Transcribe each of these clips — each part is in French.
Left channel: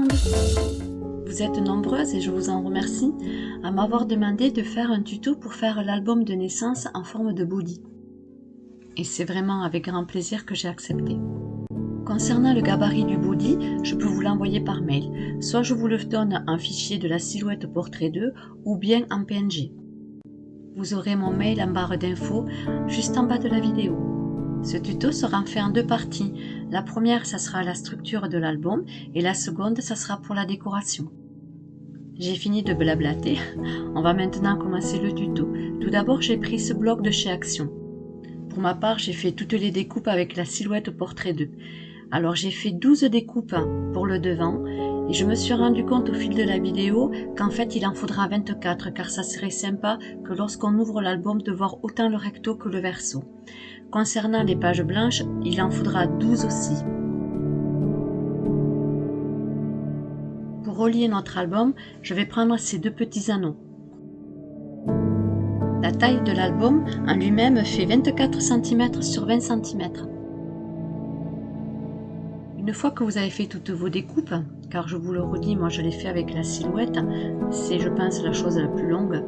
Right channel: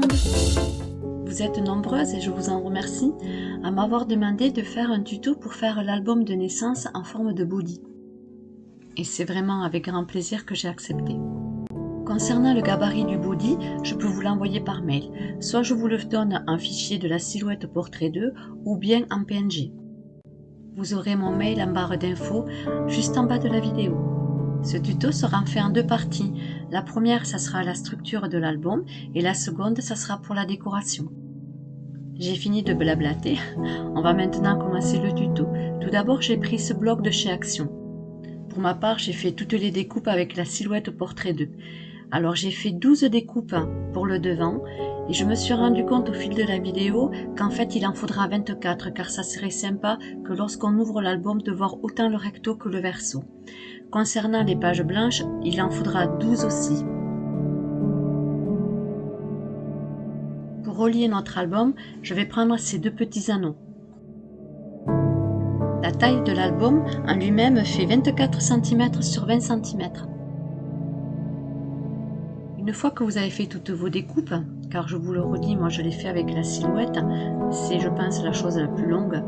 monde! Vous êtes nombreuses et je vous en remercie à m'avoir demandé de faire un tuto pour faire l'album de naissance en forme de body. Et c'est vraiment avec grand plaisir que j'ai accepté. Concernant le gabarit du body, je peux vous l'envoyer par mail. Soit je vous le donne en fichier de la silhouette portrait 2 ou bien en PNG. Vous aurez mon mail en barre d'infos juste en bas de la vidéo. Ce tuto sera fait en deux parties. La première, ça sera la structure de l'album et la seconde, ça sera pour la décoration. J'ai fini de blablater. On va maintenant commencer le tuto. Tout d'abord, j'ai pris ce bloc de chez Action. Pour ma part, j'ai fait toutes les découpes avec la silhouette portrait 2. Alors j'ai fait 12 découpes pour le devant et je me suis rendu compte au fil de la vidéo qu'en fait il en faudra 24 car ça serait sympa que lorsqu'on ouvre l'album de voir autant le recto que le verso. Concernant les pages blanches, il en faudra 12 aussi. Pour relier notre album, je vais prendre ces deux petits anneaux. La taille de l'album en lui-même fait 24 cm sur 20 cm. Une fois que vous avez fait toutes vos découpes, car je vous le redis, moi je l'ai fait avec la silhouette, c'est je pense la chose la plus longue,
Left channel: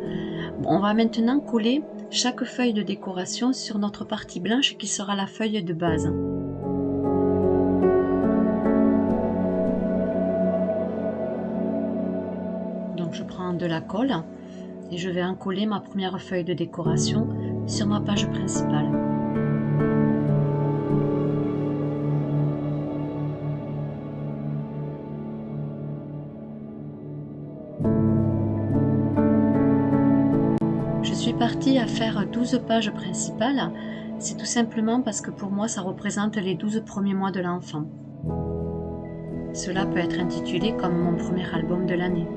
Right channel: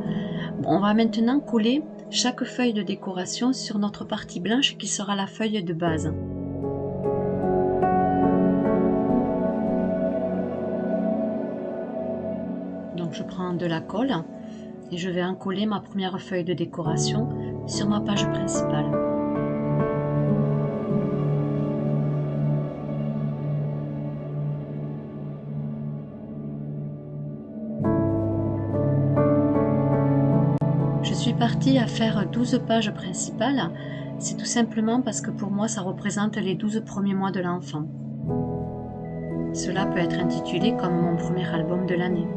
on va maintenant coller chaque feuille de décoration sur notre partie blanche qui sera la feuille de base. Donc je prends de la colle et je vais en coller ma première feuille de décoration sur ma page principale. Je suis partie à faire 12 pages principales, c'est tout simplement parce que pour moi ça représente les 12 premiers mois de l'enfant. Cela peut être intitulé comme mon premier album de l'année.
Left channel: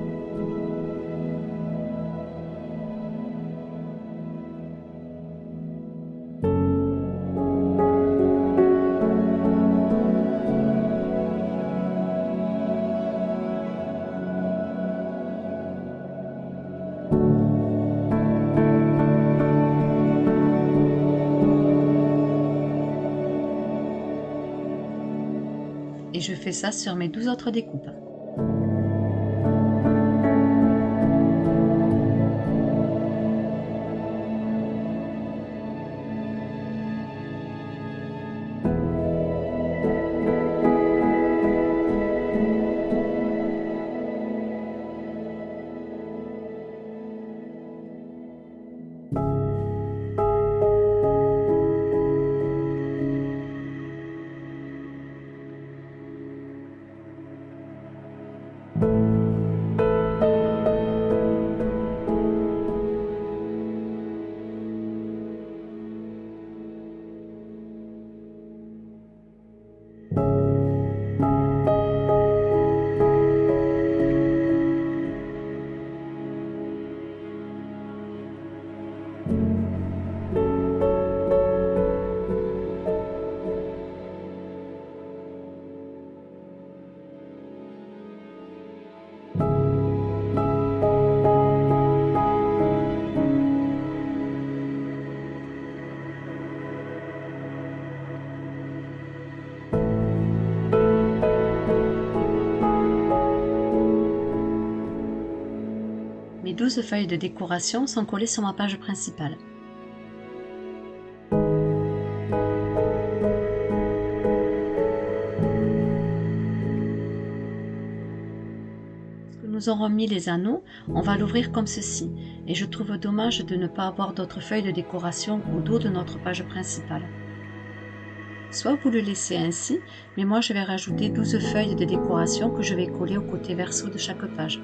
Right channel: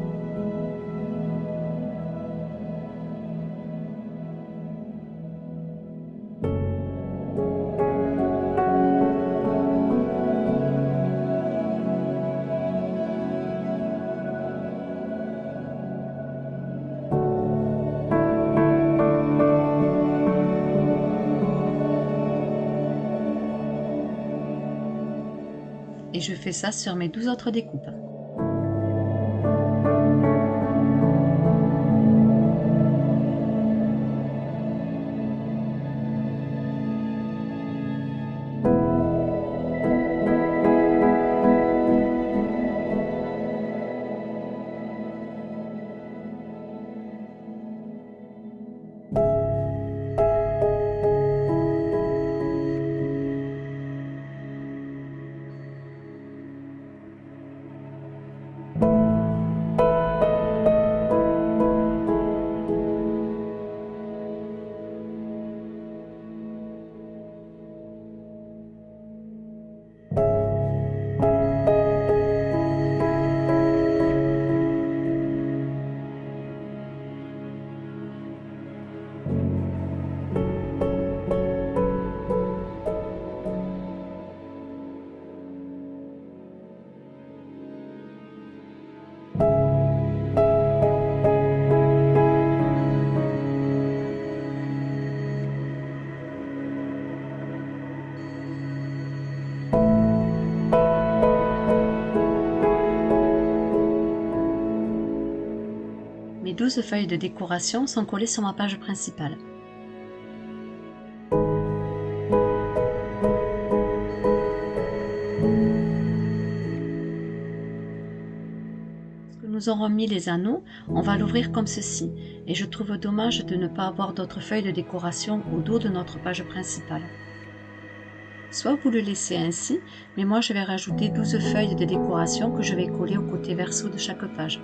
Et je fais ça sur mes 12 autres découpes. Mes 12 feuilles de décoration sont collées sur ma page principale. Lorsque nous aurons mis les anneaux, on va l'ouvrir comme ceci. Et je trouve dommage de ne pas avoir d'autres feuilles de décoration au dos de notre page principale. Soit vous le laissez ainsi, mais moi je vais rajouter 12 feuilles de décoration que je vais coller au côté verso de chaque page.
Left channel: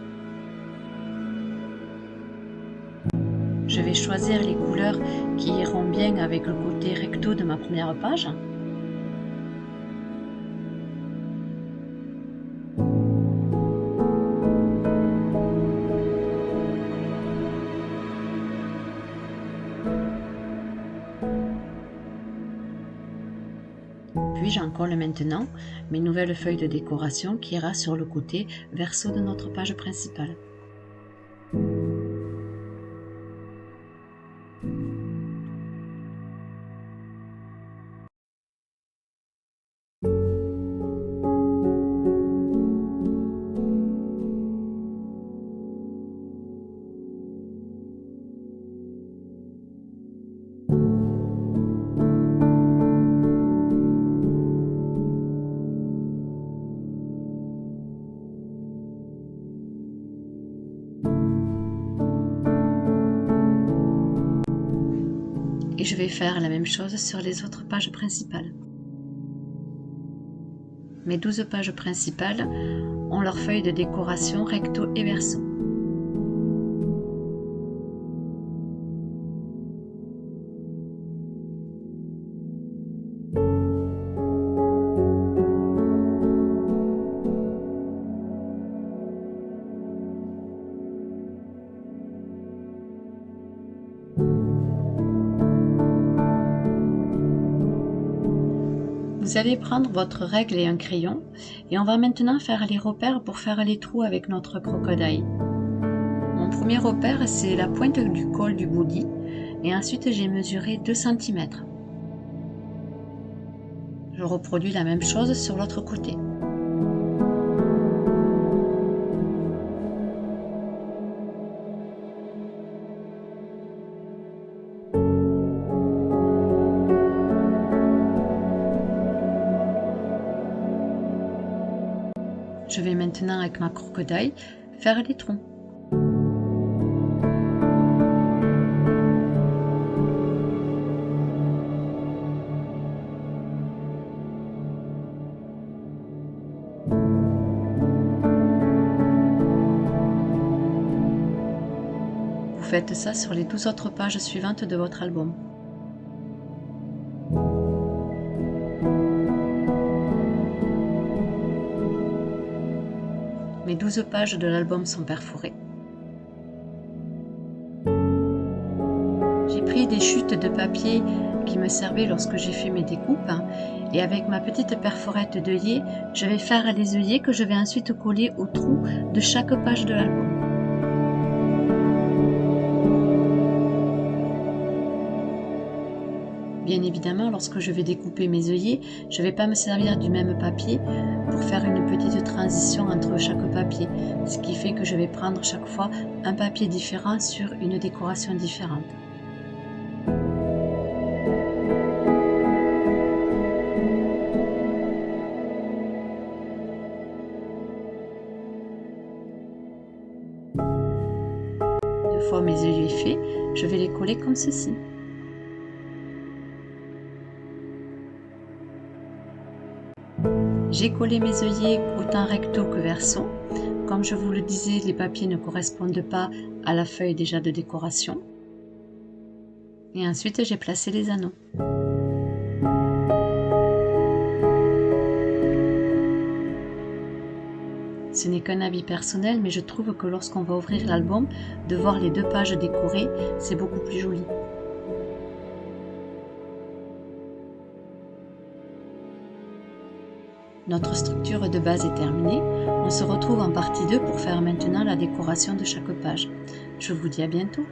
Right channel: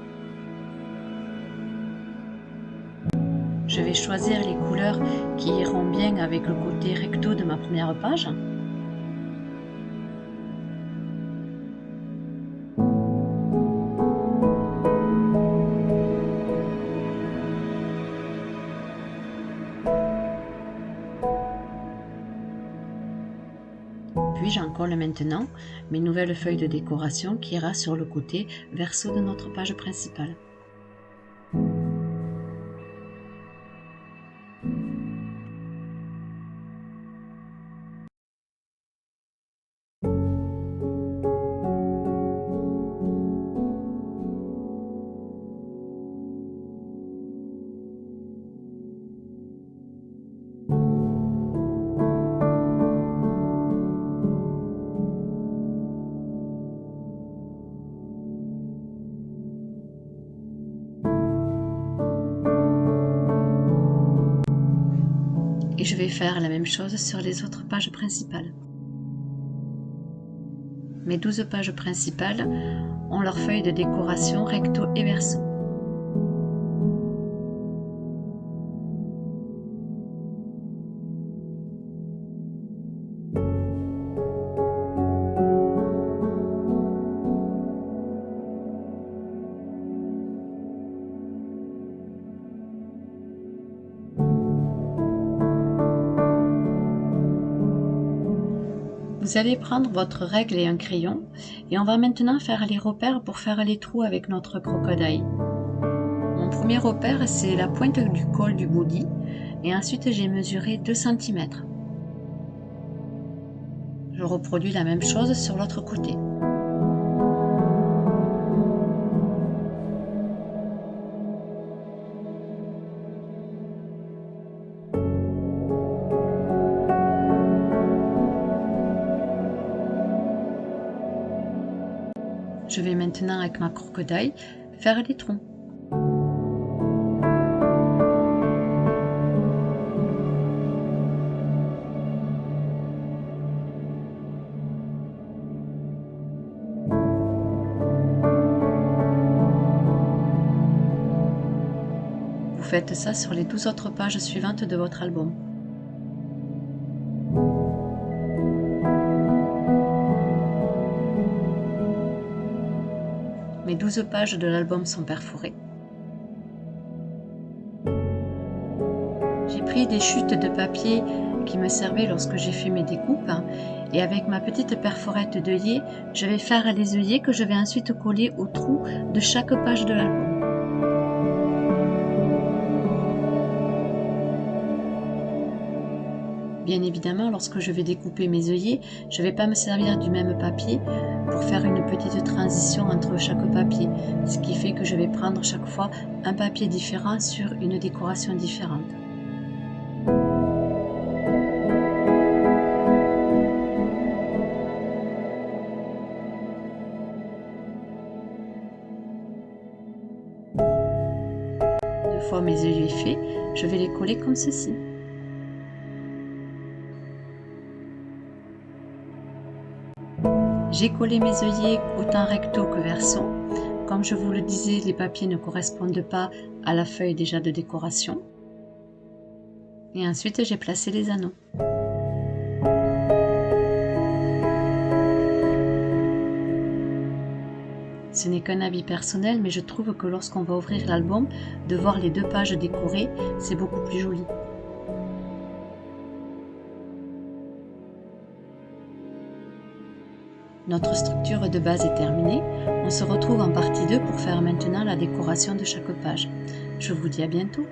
Je vais choisir les couleurs qui iront bien avec le côté recto de ma première page. Puis j'en colle maintenant mes nouvelles feuilles de décoration qui ira sur le côté verso de notre page principale. Et je vais faire la même chose sur les autres pages principales. Mes 12 pages principales ont leur feuille de décoration recto et verso. Vous allez prendre votre règle et un crayon et on va maintenant faire les repères pour faire les trous avec notre crocodile. Mon premier repère, c'est la pointe du col du body et ensuite j'ai mesuré 2 cm. Je reproduis la même chose sur l'autre côté. Je vais maintenant avec ma crocodile faire les troncs. Vous faites ça sur les 12 autres pages suivantes de votre album. Mes 12 pages de l'album sont perforées. J'ai pris des chutes de papier qui me servaient lorsque j'ai fait mes découpes et avec ma petite perforette d'œillet, je vais faire les œillets que je vais ensuite coller au trou de chaque page de l'album. Bien évidemment, lorsque je vais découper mes œillets, je ne vais pas me servir du même papier pour faire une petite transition entre chaque papier, ce qui fait que je vais prendre chaque fois un papier différent sur une décoration différente. Une fois mes œillets faits, je vais les coller comme ceci. J'ai collé mes œillets autant recto que verso. Comme je vous le disais, les papiers ne correspondent pas à la feuille déjà de décoration. Et ensuite, j'ai placé les anneaux. Ce n'est qu'un avis personnel, mais je trouve que lorsqu'on va ouvrir l'album, de voir les 2 pages décorées, c'est beaucoup plus joli. Notre structure de base est terminée. On se retrouve en partie 2 pour faire maintenant la décoration de chaque page. Je vous dis à bientôt.